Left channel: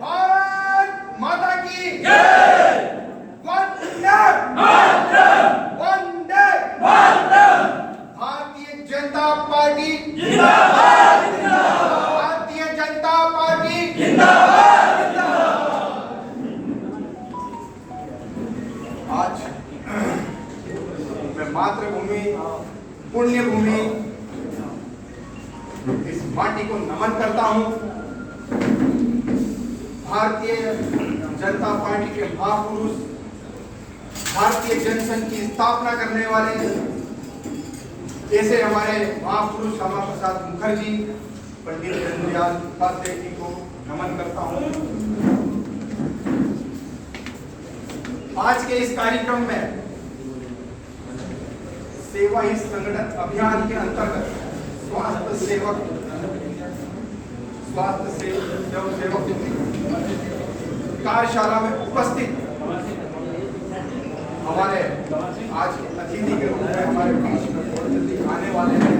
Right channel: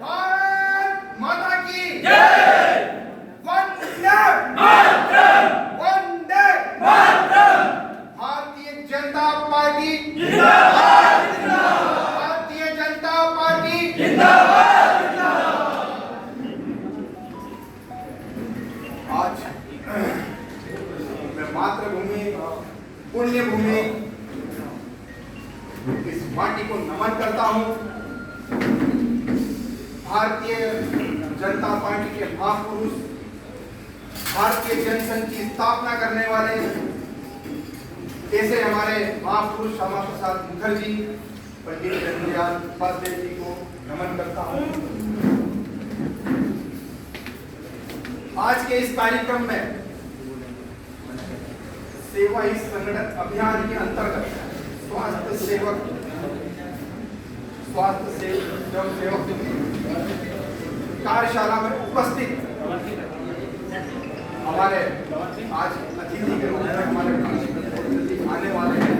भारत माता की वंदे वंदे भारतीय जनता पार्टी जिंदाबाद, भारतीय जनता पार्टी जिंदाबाद। आज मैं मातृभूमि पुण्य भूमि इस माटी को नमन करता हूं। भारतीय जनता पार्टी के महापुरुष, भारतीय जनसंघ की स्थापना करने वाले ऐसे हमारे महापुरुष श्यामा प्रसाद मुखर्जी, पंडित दीनदयाल उपाध्याय जी को नमन करता हूं। आज के इस कार्यक्रम में सेवा ही संगठन अभियान के अंतर्गत स्वास्थ्य सेवक कार्यशाला में उपस्थित हमारे आज अतिथि के रूप में हमारे आने वाले हैं।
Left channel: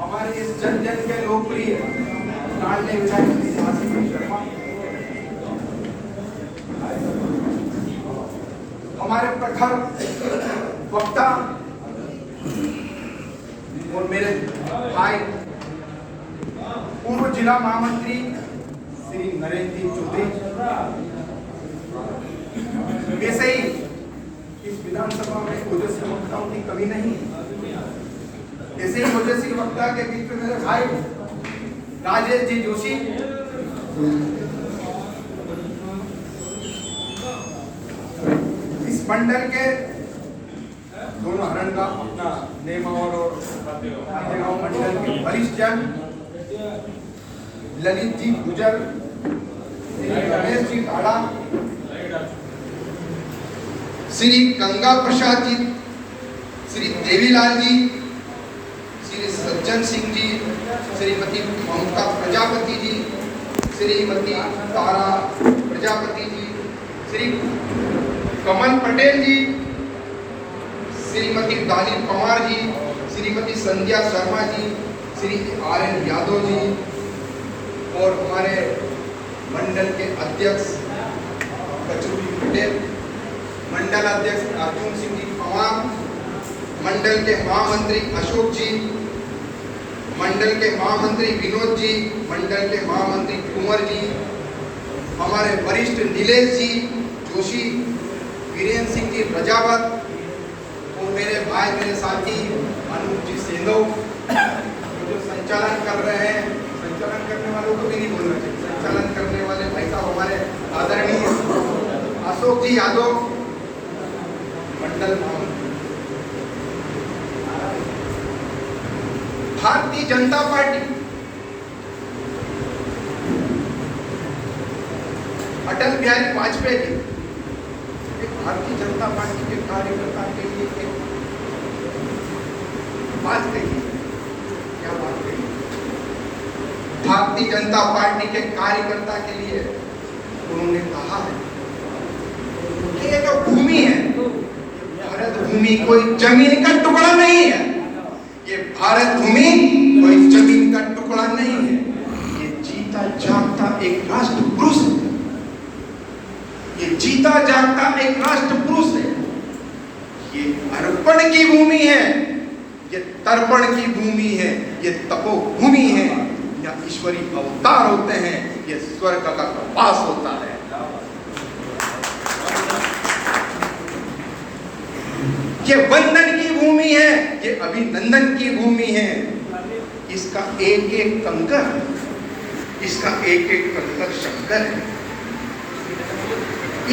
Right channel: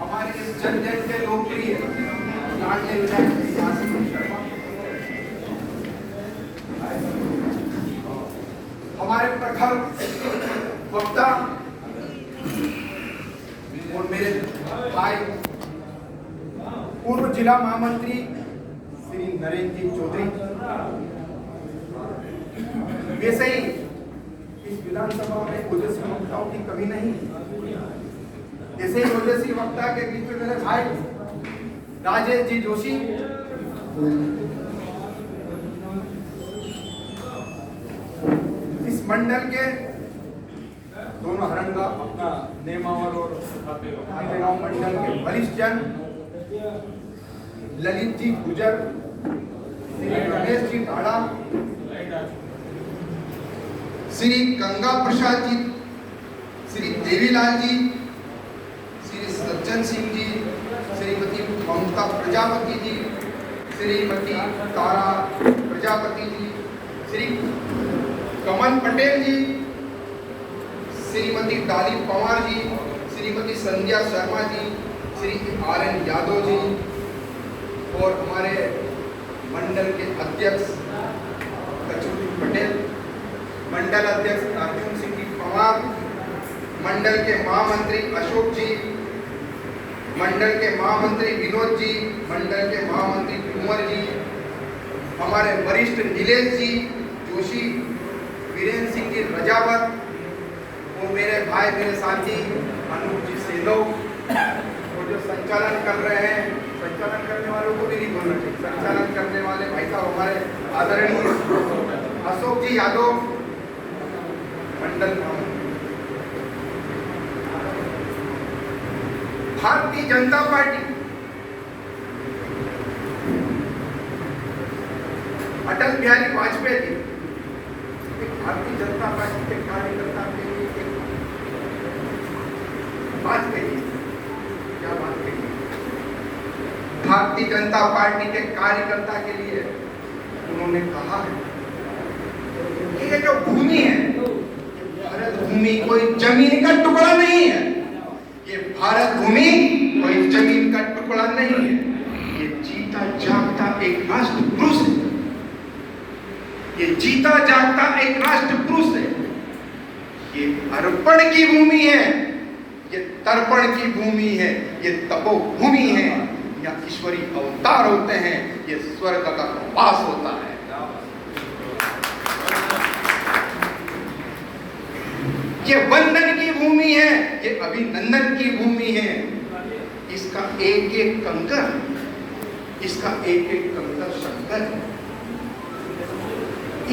हमारे इस जन जन के लोकप्रिय शर्मा, हमारे प्रखर वक्ता और मेरे भाई पूर्व जिला महामंत्री श्री नरेंद्र जी चौधरी, वैसे ही इस विधानसभा में ओजस्वी वक्ताओं की कमी नहीं। ऐसे ही ओजस्वी वक्ता के बीच में मेरे भाई राजेश जी जोशी, इस मंडल के दोनों हरण का अपना नेमावर और आगेगांव मंडल के वरिष्ठ जन ललित जी गुजर, श्री रमेश जी काड़ा, श्री गंगा प्रसाद जी, श्री देवीलाल जी, श्री सज्जन सिंह जी, श्रीमती ममता प्रजापति जी, श्रीमती तारा प्रजापति जी, श्री कमल पटेल जी, श्रीमती डाली पवार जी, श्रीमती संध्या शर्मा जी, श्री RN यादव जी और हमारे मंडल के अध्यक्ष कचूरी पटेल, मंडल अध्यक्ष अर्जुन सिंह जी पवार, मंडल के महामंत्री अशोक जी, मंडल के महामंत्री विनोद जी, मंडल के महामंत्री कुंवर जी, हमारे वरिष्ठ नीलेश जी जोशी, वीरेंद्र सिंह जी रजावत और मेरे भाई मेरे साथी अनूप जी सेंधव, जो संचालन कर रहे हैं। संचालन करने वालों को भी नहीं बोलना चाहिए, संचालन करने वाले भाई साहब हमारे आदरणीय अशोक जी यादव, मंडल भारतीय जनता पार्टी अटल बिहारी वाजपेयी जी भारतीय जनता पार्टी के कार्यकर्ता के लिए एक बात कही। क्या बात कही? भारतीय जनता पार्टी के कार्यकर्ता के लिए उन्होंने कहा है कि ये जो भूमि है, भारत भूमि कोई जमीन का टुकड़ा नहीं है। ये भारत भूमि कोई जमीन का टुकड़ा नहीं है। ये जीता जागता एक राष्ट्र पुरुष है। ये जीता जागता एक राष्ट्र पुरुष है। ये अर्पण की भूमि है, ये तर्पण की भूमि है, ये तपोभूमि है। यहाँ ईश्वरीय अवतार होते हैं, ये स्वर्ग का वास होता है। ये वंदन की भूमि है, ये अभिनंदन की भूमि है। इसका एक एक कंकर, इसका एक एक कंकर शंकर है।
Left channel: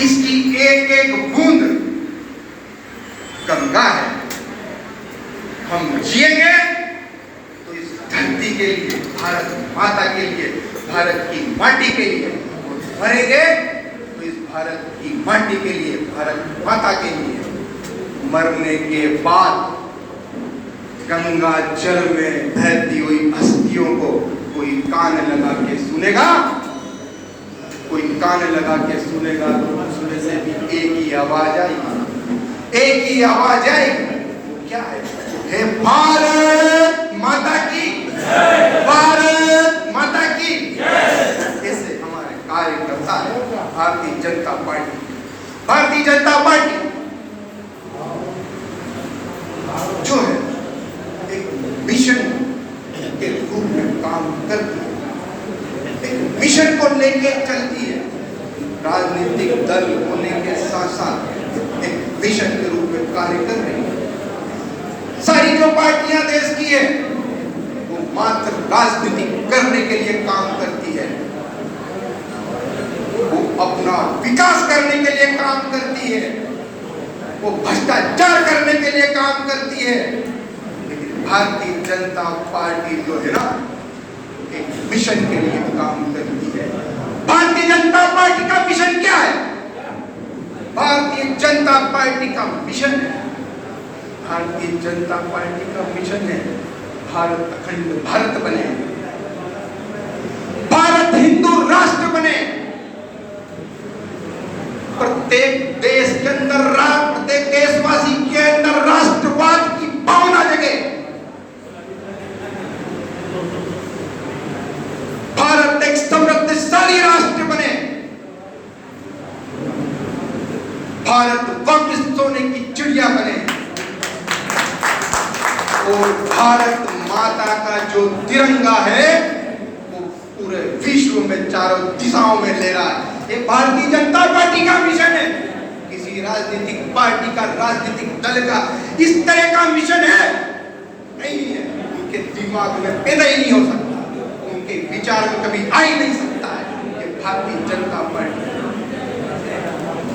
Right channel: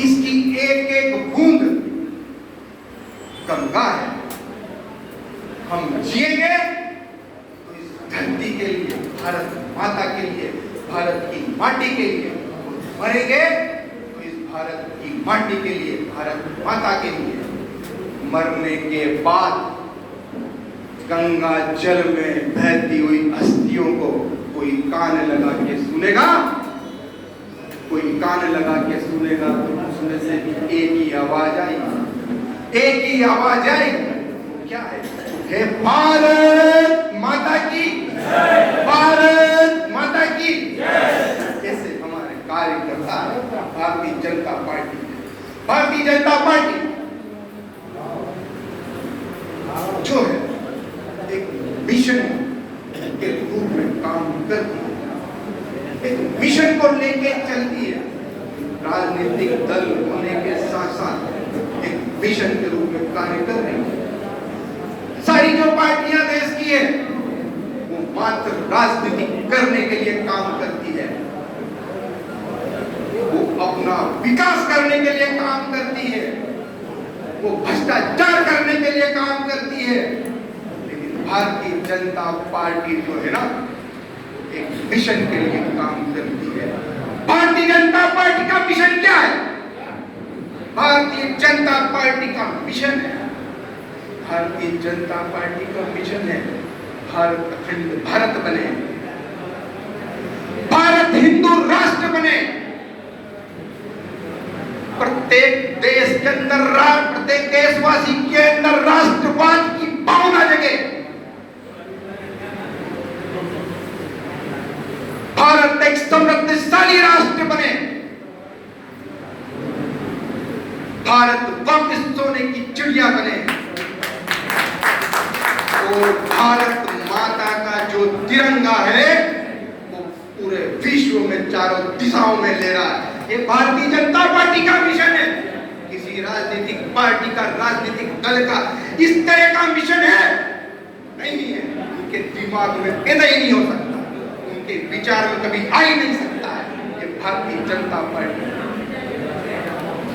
इसकी एक एक बूंद गंगा है। हम जिएंगे तो इस धरती के लिए, भारत माता के लिए, भारत की माटी के लिए, मरेंगे तो इस भारत की माटी के लिए, भारत माता के लिए। मरने के बाद गंगा जल में बहती हुई अस्थियों को कोई कान लगा के सुनेगा, कोई कान लगा के सुनेगा तो सुनने से भी एक ही आवाज आएगी, एक ही आवाज आएगी। क्या है? भारत माता की, भारत माता मिशन को लेके चलती है। राजनीतिक दल होने के साथ साथ एक मिशन के रूप में कार्य कर रही है। सारी जो पार्टियां देश की है वो मात्र राजनीति करने के लिए काम करती है, वो अपना विकास करने के लिए काम करती है, वो भ्रष्टाचार करने के लिए काम करती है। लेकिन भारतीय जनता पार्टी जो है ना, एक मिशन के लिए काम करती है। भारतीय जनता पार्टी का मिशन क्या है? भारतीय जनता पार्टी का मिशन है, भारतीय जनता पार्टी का मिशन है भारत अखंड भारत बने, भारत हिंदू राष्ट्र बने, प्रत्येक देश के अंदर प्रत्येक देशवासी के अंदर राष्ट्रवाद की भावना जगे, भारत एक समृद्धशाली राष्ट्र बने, भारत वापस सोने की चिड़िया बने और भारत माता का जो तिरंगा है वो पूरे विश्व में चारों दिशाओं में ले रहा है। ये भारतीय जनता पार्टी का मिशन है। किसी राजनीतिक पार्टी का, राजनीतिक दल का इस तरह का मिशन है नहीं है, उनके दिमाग में पैदा ही नहीं हो सकता, उनके विचार में कभी आ ही नहीं सकता है। ये भारतीय जनता पार्टी,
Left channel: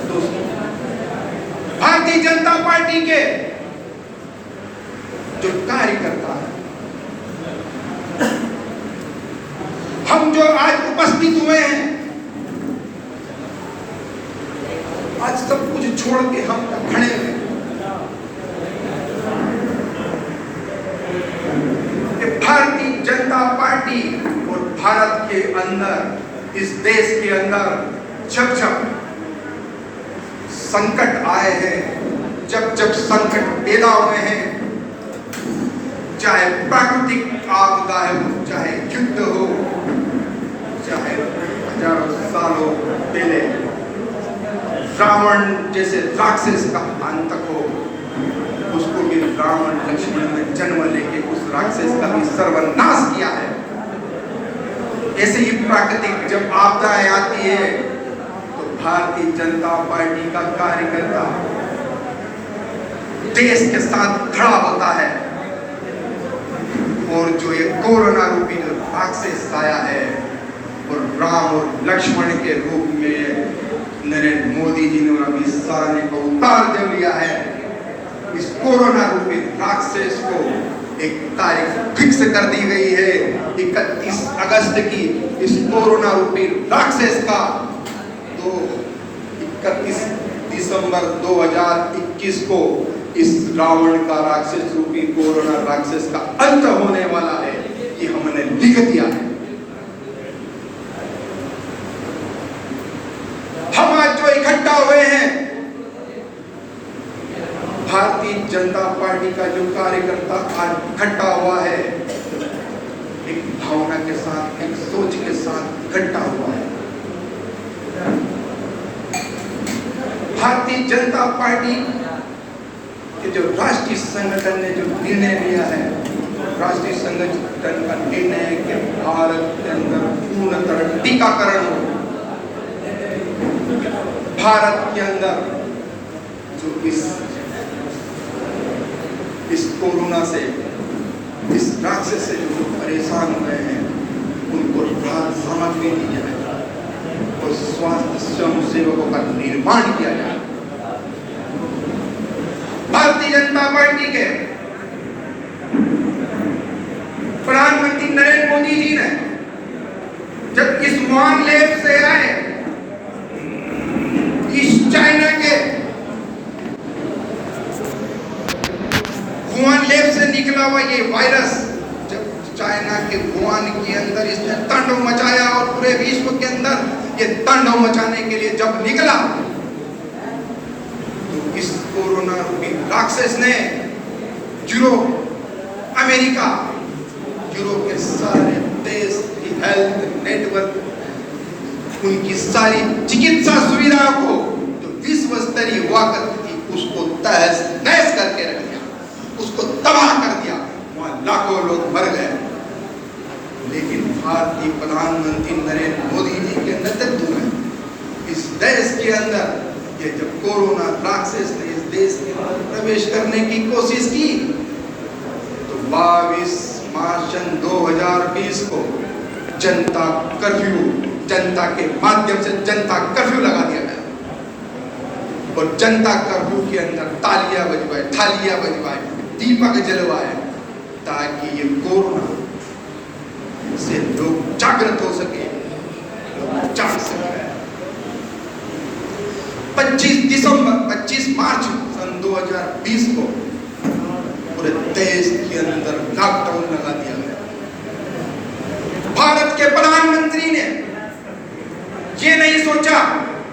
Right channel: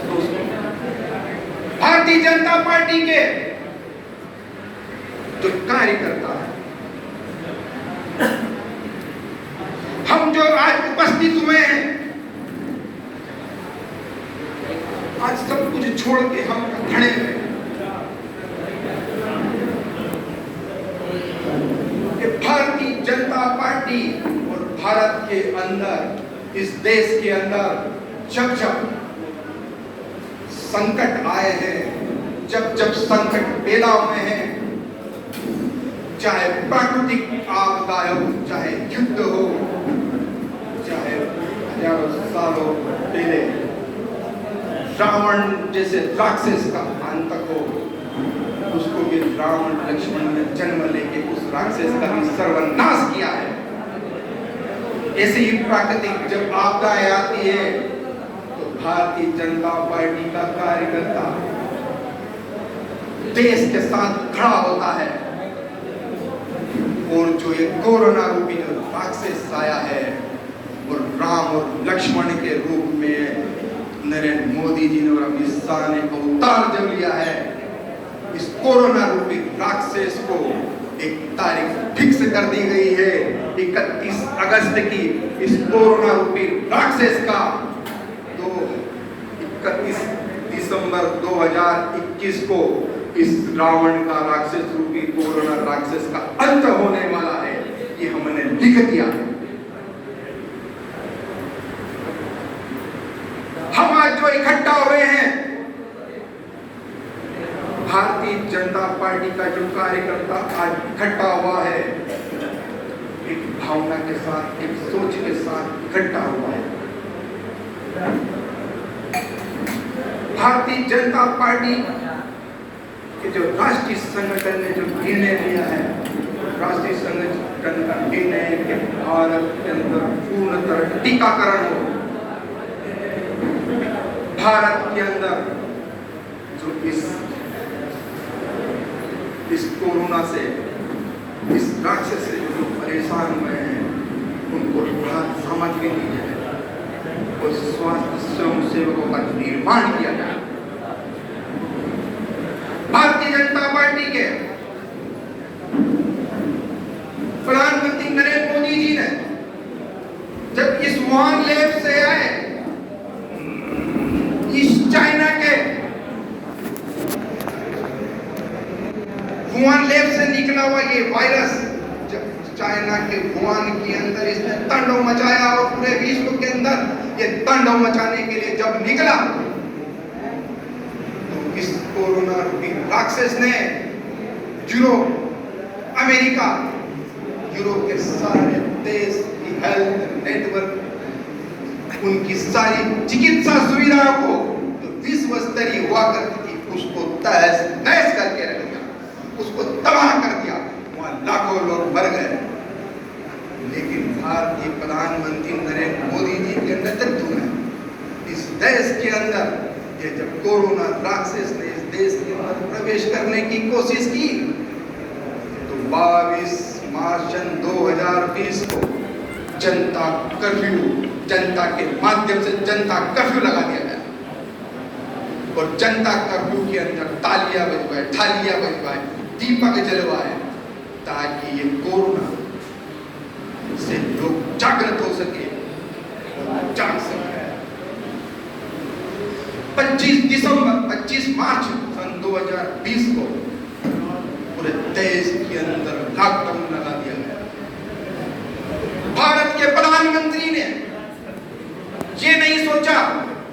दोस्तों, भारतीय जनता पार्टी के जो कार्यकर्ता है, हम जो आज उपस्थित हुए हैं, आज सब कुछ छोड़ के हम खड़े हैं। भारतीय जनता पार्टी और भारत के अंदर, इस देश के अंदर जब जब संकट आए हैं, जब जब संकट पैदा हुए हैं, चाहे प्राकृतिक आपदा हो, चाहे युद्ध हो, चाहे हजारों सालों पहले रावण जैसे राक्षस का अंत हो, उसको भी रावण लक्ष्मण ने जन्म लेके उस राक्षस का भी सर्वनाश किया है। ऐसे ही प्राकृतिक जब आपदाएं आती है तो भारतीय जनता पार्टी का कार्यकर्ता देश के साथ खड़ा होता है और जो ये कोरोना रूपी जो राक्षस आया है वो राम और लक्ष्मण के रूप में नरेंद्र मोदी जी ने अभी सारे को उतार दे लिया है। इस कोरोना रूपी राक्षस को एक तारीख फिक्स कर दी गई है 31 अगस्त की। इस कोरोना रूपी राक्षस का तो 31 दिसंबर 2021 को इस रावण का राक्षस रूपी कोरोना राक्षस का अंत होने वाला है, ये हमने लिख दिया है। हम आज जो इकट्ठा हुए हैं, भारतीय जनता पार्टी का जो कार्यकर्ता आज इकट्ठा हुआ है, एक भावना के साथ, एक सोच के साथ इकट्ठा हुआ है। भारतीय जनता पार्टी के जो राष्ट्रीय संगठन ने जो निर्णय लिया है, राष्ट्रीय संगठन का निर्णय है कि भारत के अंदर पूर्णतः टीकाकरण हो। भारत के अंदर जो इस कोरोना से, इस राक्षस से जो परेशान हुए हैं, उनको राहत सामग्री दी जाए और स्वास्थ्य स्वयं सेवकों का निर्माण किया जाए। भारतीय जनता पार्टी के प्रधानमंत्री नरेंद्र मोदी जी ने जब इस वुहान लैब से आए, इस चाइना के वुहान लैब से निकला हुआ ये वायरस जब चाइना के वुहान के अंदर इसने तांडव मचाया और पूरे विश्व के अंदर ये तांडव मचाने के लिए जब निकला, तो इस कोरोना रूपी राक्षस ने यूरोप, अमेरिका, यूरोप के सारे देश की हेल्थ नेटवर्क, उनकी सारी चिकित्सा सुविधाओं को जो विश्व स्तरीय हुआ करती थी, उसको तहस नहस करके रख दिया, उसको तबाह कर दिया। वहां लाखों लोग मर गए, लेकिन भारतीय प्रधानमंत्री नरेंद्र मोदी जी के नेतृत्व में इस देश के अंदर ये जब कोरोना राक्षस ने इस देश के अंदर प्रवेश करने की कोशिश की तो 22 मार्च 2020 को जनता कर्फ्यू, जनता के माध्यम से जनता कर्फ्यू लगा दिया गया और जनता कर्फ्यू के अंदर तालियां बजवाए, थालियां बजवाए, दीपक जलवाए ताकि ये कोरोना से लोग जागृत हो सके, जाग सके। 25 मार्च सन 2020 को पूरे देश के अंदर लॉकडाउन लगा दिया गया। भारत के प्रधानमंत्री ने ये नहीं सोचा,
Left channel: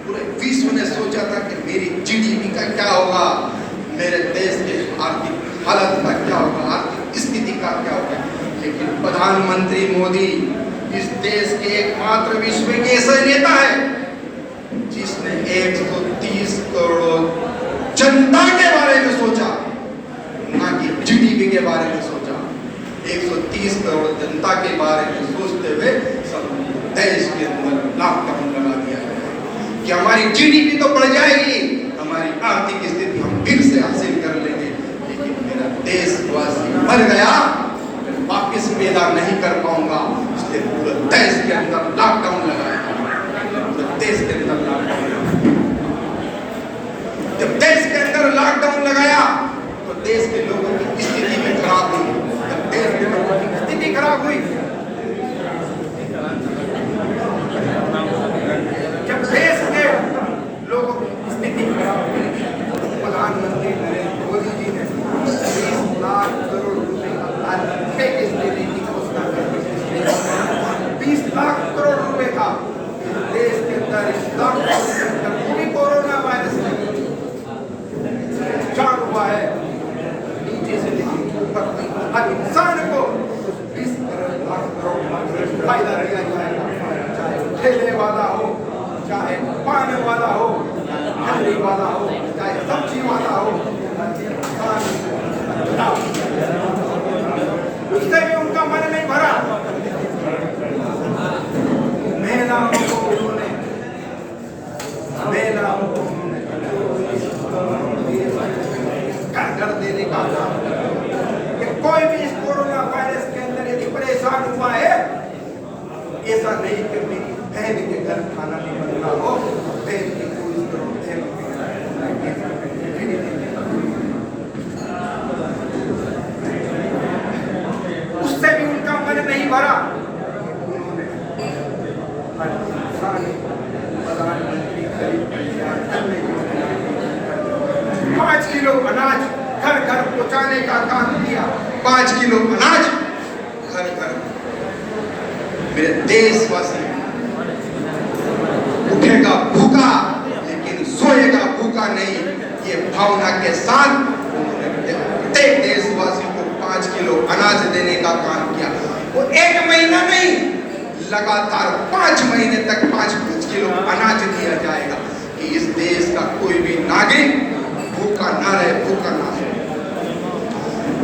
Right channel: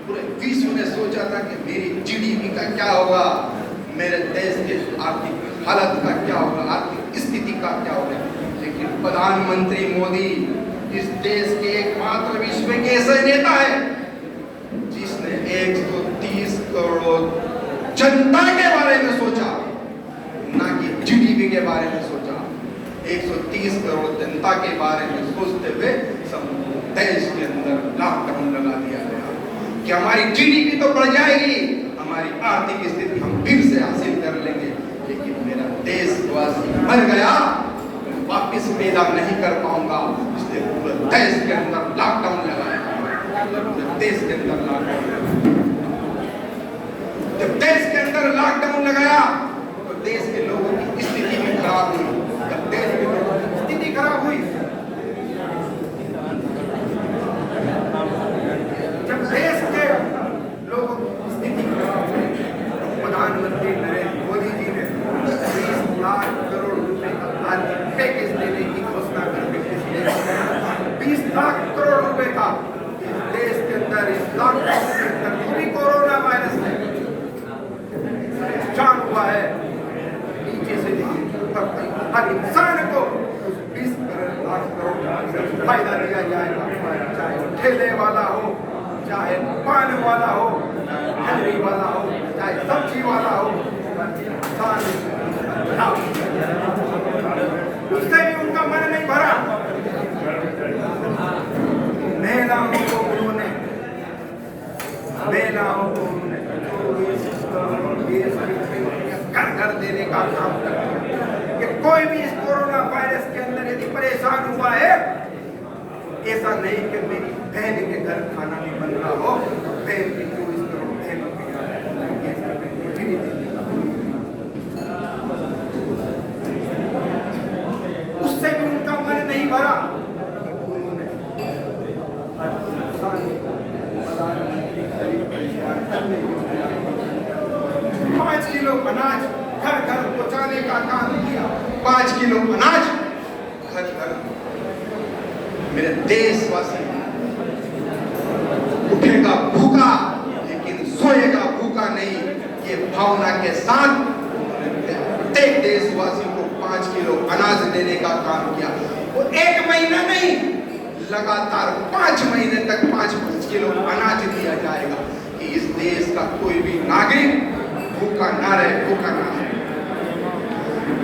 पूरे विश्व ने सोचा था कि मेरी जीडीपी का क्या होगा, मेरे देश के आर्थिक हालत का क्या होगा, आर्थिक स्थिति का क्या होगा। लेकिन प्रधानमंत्री मोदी इस देश के एकमात्र विश्व के ऐसे नेता है जिसने 130 करोड़ जनता के बारे में सोचा, ना कि जीडीपी के बारे में सोचा। 130 करोड़ जनता के बारे में सोचते हुए सब देश के अंदर लॉकडाउन लगा दिया गया कि हमारी जीडीपी तो बढ़ जाएगी, हमारी आर्थिक स्थिति हम फिर से हासिल कर लेंगे, लेकिन मेरा देशवासी मर गया, वापस पैदा नहीं कर पाऊंगा, इसलिए पूरे देश के अंदर लॉकडाउन लगाया। देश के अंदर लॉकडाउन लगाया। जब देश के अंदर लॉकडाउन लगाया तो देश के लोगों की स्थिति में खराब हुई। जब देश के लोगों की स्थिति खराब हुई, जब देश के लोगों की स्थिति खराब हुई, प्रधानमंत्री नरेंद्र मोदी जी ने 30 लाख करोड़ रुपए का पैकेज देने की घोषणा करके 20 लाख करोड़ रुपए का देश के अंदर इस लॉकडाउन के अंदर पूरी कोरोना वायरस में नुकसान हुआ है। नीचे से लेकर ऊपर तक हर इंसान को 20 लाख करोड़ फायदा दिया जाएगा, चाहे ठेले वाला हो, चाहे पान वाला हो, ठंडी वाला हो, चाहे सब्जी वाला हो, उससे भी उनका मन नहीं भरा। महिलाओं को उन्होंने घर घर देने का काम कर कि कोई भी इस कोरोना वायरस के अंदर यदि परेशान हुआ है, ऐसा नहीं कि मेरी बहन के घर खाना नहीं बन रहा हो, बहन की 24 करोड़ बहन के घर फ्री देने का, उससे भी उनका मन नहीं भरा। उन्होंने प्रधानमंत्री गरीब कल्याण अन्न योजना 5 किलो अनाज घर घर पहुंचाने का काम किया। 5 किलो अनाज घर घर। मेरे देशवासी उठेगा भूखा लेकिन सोएगा भूखा नहीं, ये भावना के साथ उन्होंने प्रत्येक देशवासी को 5 किलो अनाज देने का काम किया। वो 1 महीना नहीं, लगातार 5 महीने तक 5-5 किलो अनाज दिया जाएगा कि इस देश का कोई भी नागरिक भूखा ना रहे, भूखा ना रहे।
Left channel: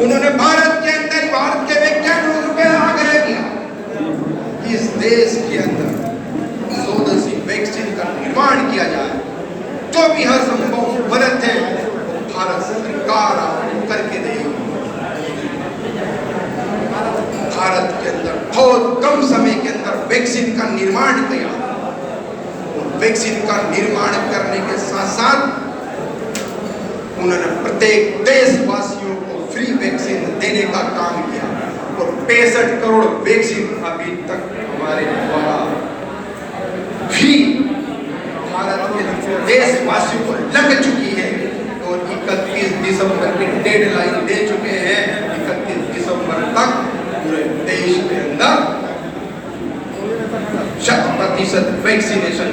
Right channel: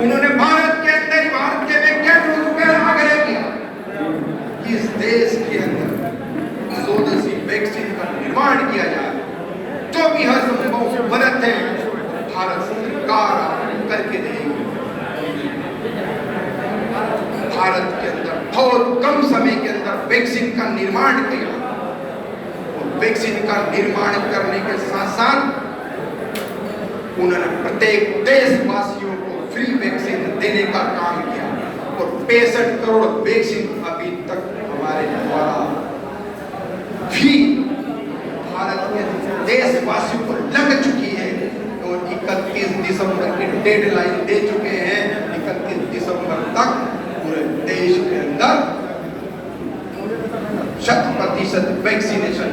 उन्होंने भारत के अंदर भारत के वैज्ञानिकों से आग्रह किया कि इस देश के अंदर स्वदेशी वैक्सीन का निर्माण किया जाए। जो भी हर संभव मदद है भारत सरकार करके देगी। भारत के अंदर बहुत कम समय के अंदर वैक्सीन का निर्माण किया और वैक्सीन का निर्माण करने के साथ साथ उन्होंने प्रत्येक देशवासियों को फ्री वैक्सीन देने का काम किया और 65 करोड़ वैक्सीन अभी तक हमारे द्वारा भी भारत के देशवासियों को लग चुकी है और 31 दिसंबर की डेडलाइन दे चुके हैं। 31 दिसंबर तक पूरे देश के अंदर 100% वैक्सीनेशन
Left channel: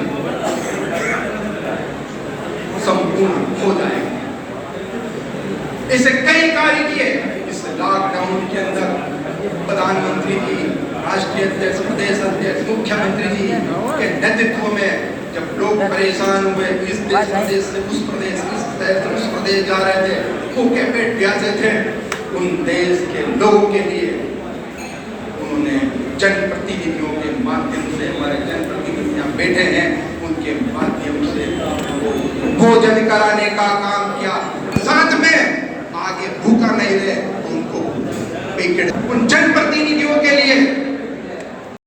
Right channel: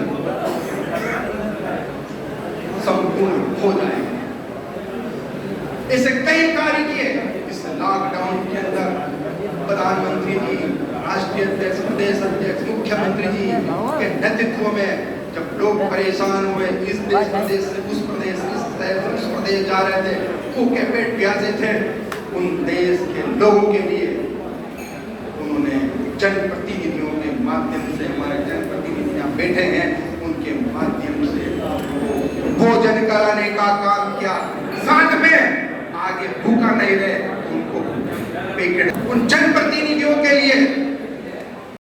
संपूर्ण हो जाएगा। ऐसे कई कार्य किए। इस लॉकडाउन के अंदर प्रधानमंत्री जी, राष्ट्रीय अध्यक्ष, प्रदेश अध्यक्ष, मुख्यमंत्री जी के नेतृत्व में जब लोग परेशान हुए, इस प्रदेश से उस प्रदेश, इस प्रदेश से उस प्रदेश जा रहे थे, भूखे पेट प्यासे थे, उन देश के लोगों के लिए उन्होंने जनप्रतिनिधियों के माध्यम से, हमारे जनप्रतिनिधि यहाँ बैठे हैं, उनके माध्यम से भोजन कराने का काम